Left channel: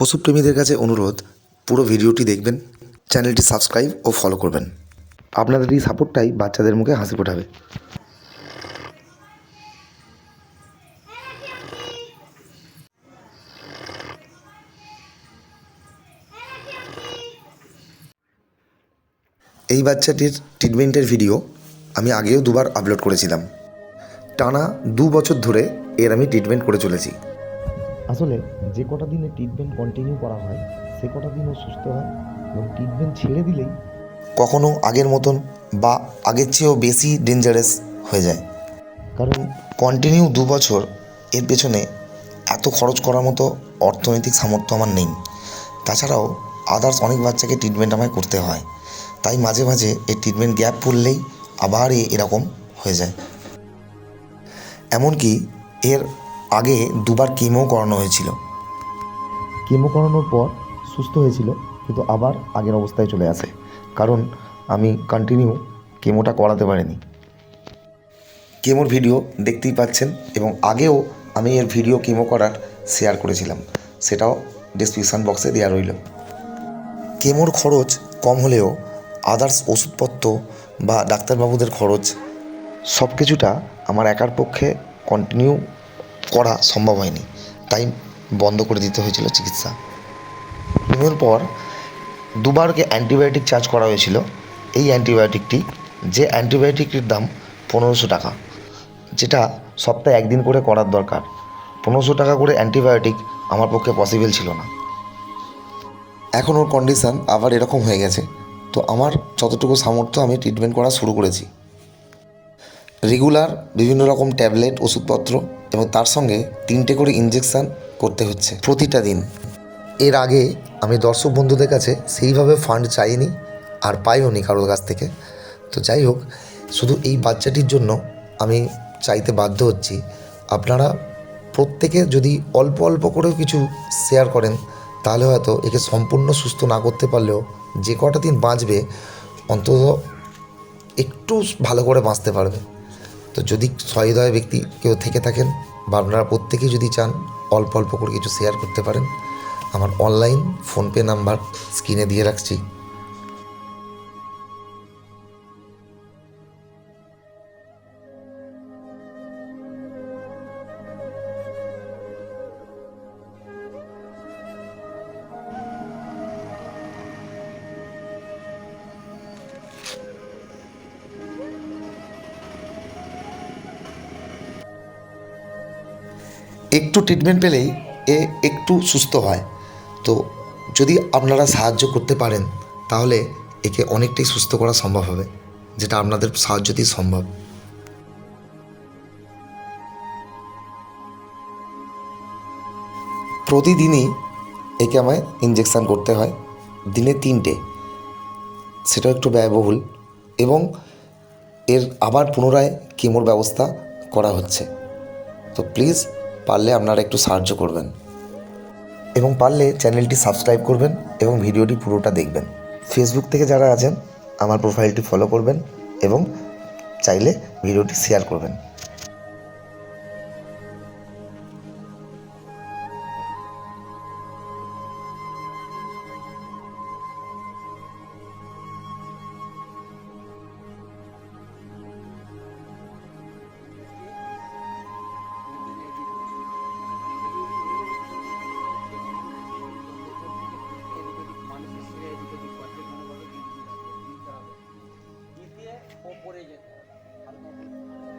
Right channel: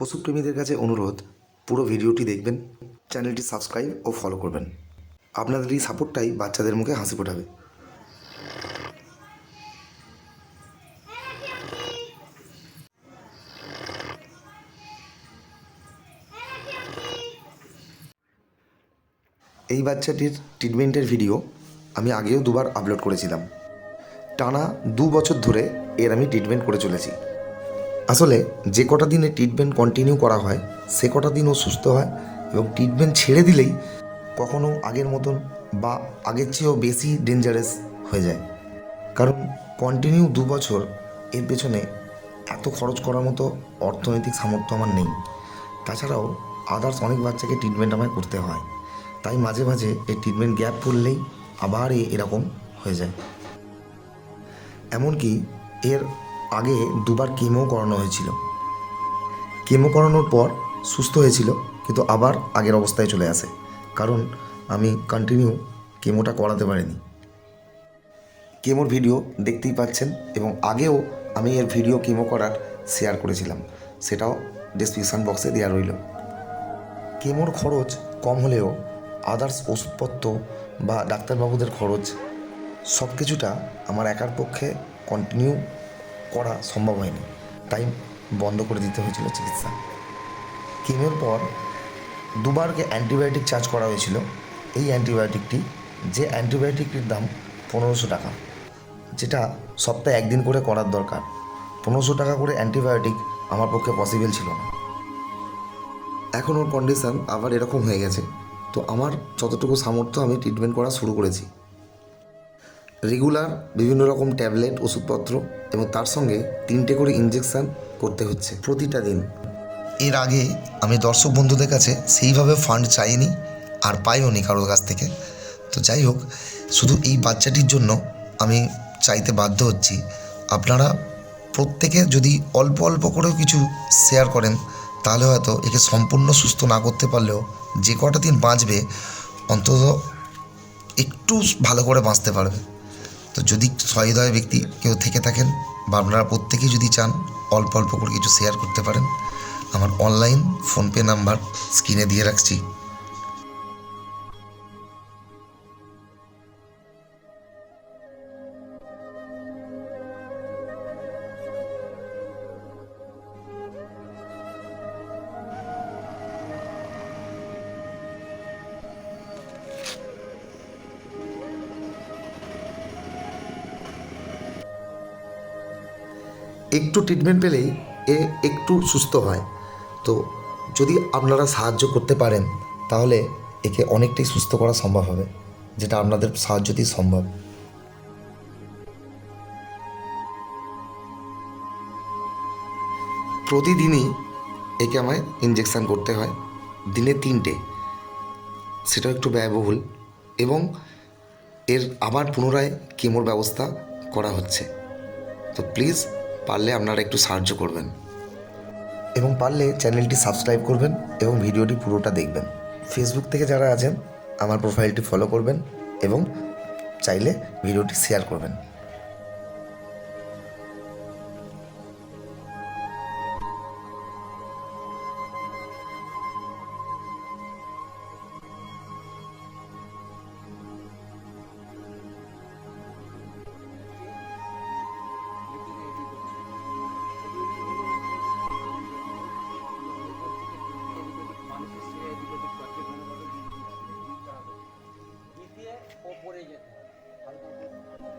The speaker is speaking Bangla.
পশুপ্রেমীদের কাছে অনুরোধ, পুরো ভিডিওটি দেখবেন, চ্যানেলটি সাবস্ক্রাইব ও ফলো করবেন। আপনাদের এই সাপোর্টটাই বাচ্চাদের মুখে হাসি ফোটাবে। এই বাচ্চাটির ট্রিটমেন্টের ভিডিও আমি আগেও দুবার আপলোড করেছিলাম। টানা দু বছর ধরে এর আমি ট্রিটমেন্ট করে চলেছি। আসলে যে কটা দিনে ট্রিটমেন্ট কন্টিনিউ করা হয়, সে কটা দিন ও সুস্থ হয় এবং ট্রিটমেন্ট ছেড়ে দিলেই কখনো আগের মতন বা আগের চেয়েও বেশি ডেঞ্জারাস হয়ে যায়। কারণ কন্টিনিউ দু বছর এর পেছনে এত খরচ করার মতো অর্থনৈতিক সামর্থ্য আমার নেই। তাছাড়াও আদার্স অনেক বাচ্চাকে ট্রিটমেন্ট আমায় করতে হয়। তাই মাঝে মাঝে এই ট্রিটমেন্ট গ্যাপ পড়লেই আবার এরকম হয়ে যায়। এমনকি এর আগে দুবার কেমো করানো হয়েছিল। কেমো করানোর পর সুস্থ হয়েছিল, কিন্তু আবার আগের অবস্থায় চলে আসে। কারণ আমি কন্টিনিউ কেমোটা করাতে পারিনি। কেমোর ভিডিও দেখতেই পাচ্ছেন এবং আগেও আমি এর ভিডিও কেমো করার শেয়ার করেছিলাম। সেটাও ডিসক্রিপশান বক্সে দেওয়া রইল। কেমোর খরচ কম হলেও আদার্স ওষুধপত্র বা ডাক্তারবাবুদের খরচ সব কিছুটা আমার একার পক্ষে কন্টিনিউ করা সম্ভব হয়নি। তাই বন্ধ করে দিতে হয়েছিল চিকিৎসা। কেমোর পর দুবারকে অ্যান্টিবায়োটিক চার্জ করা হয়েছিল। এই অ্যান্টিবায়োটিকটি, যে অ্যান্টিবায়োটিকটির দাম পনেরোশো টাকা, যেটা সপ্তাহে একদিন করে করার দরকার। পনেরোশো টাকা করে অ্যান্টিবায়োটিক আমার পক্ষে পসিবল ছিল না। এখন ওর কন্ডিশান আবার এরকম হয়ে গেছে। তো আমার যতটুকু সামর্থ্য আমি ট্রিটমেন্ট করা শুরু করেছি। রেগুলার বিভিন্ন রকম ট্যাবলেট, ওষুধপত্র এবং তার সঙ্গে তিনটে করে ইঞ্জেকশান করতে হচ্ছে প্রতিটা দিন। এর আগে আমি দর্শক বন্ধুদের কাছে সেইভাবে ফান্ড চাইনি আর পাইও নি কারোর কাছ থেকে। তো যাই হোক, শুধু এই বাচ্চাটির জন্য আমি চাইতে বাধ্য হচ্ছি। আপনারা প্রত্যেকে যদি অল্প অল্প করেও কিছু শেয়ার করেন, তাহলে হয়তো একে সম্পূর্ণ সুস্থ না করতে পারলেও যে কটা দিন বাঁচবে, অন্তত একটু ভালো করে বাঁচতে পারবে। তো যদি সহৃদয় ব্যক্তি কেউ থেকে থাকেন বা আপনারা প্রত্যেকেই যদি চান অল্প অল্প করে কিছু শেয়ার করতে পারেন, আমার অনলাইন ফোনপে নাম্বার স্ক্রিনে দিয়ে রাখছি। একটু ট্রিটমেন্ট পেলেই এ একটু সুস্থ হয়। তো যদি আপনারা সাহায্য করতে পারেন, তাহলে একে অনেকটাই সুস্থ করা সম্ভব হবে, যেটা আপনাদের সাহায্যতেই সম্ভব। প্রতিদিনই একে আমায় ইঞ্জেকশান করতে হয়, দিনে তিনটে। সেটা একটু ব্যয়বহুল এবং এর আবার পুনরায় কেমোর ব্যবস্থা করা হচ্ছে। তো প্লিজ পারলে আপনারা একটু সাহায্য করবেন। এবং পারলে চ্যানেলটি সাবস্ক্রাইব করবেন এবং ভিডিওটি পুরোটা দেখবেন। ফেসবুক থেকে যারা আছেন, আমার প্রোফাইলটি ফলো করবেন এবং চাইলে ভিডিওটি শেয়ার করবেন। দিতে ও পড়ে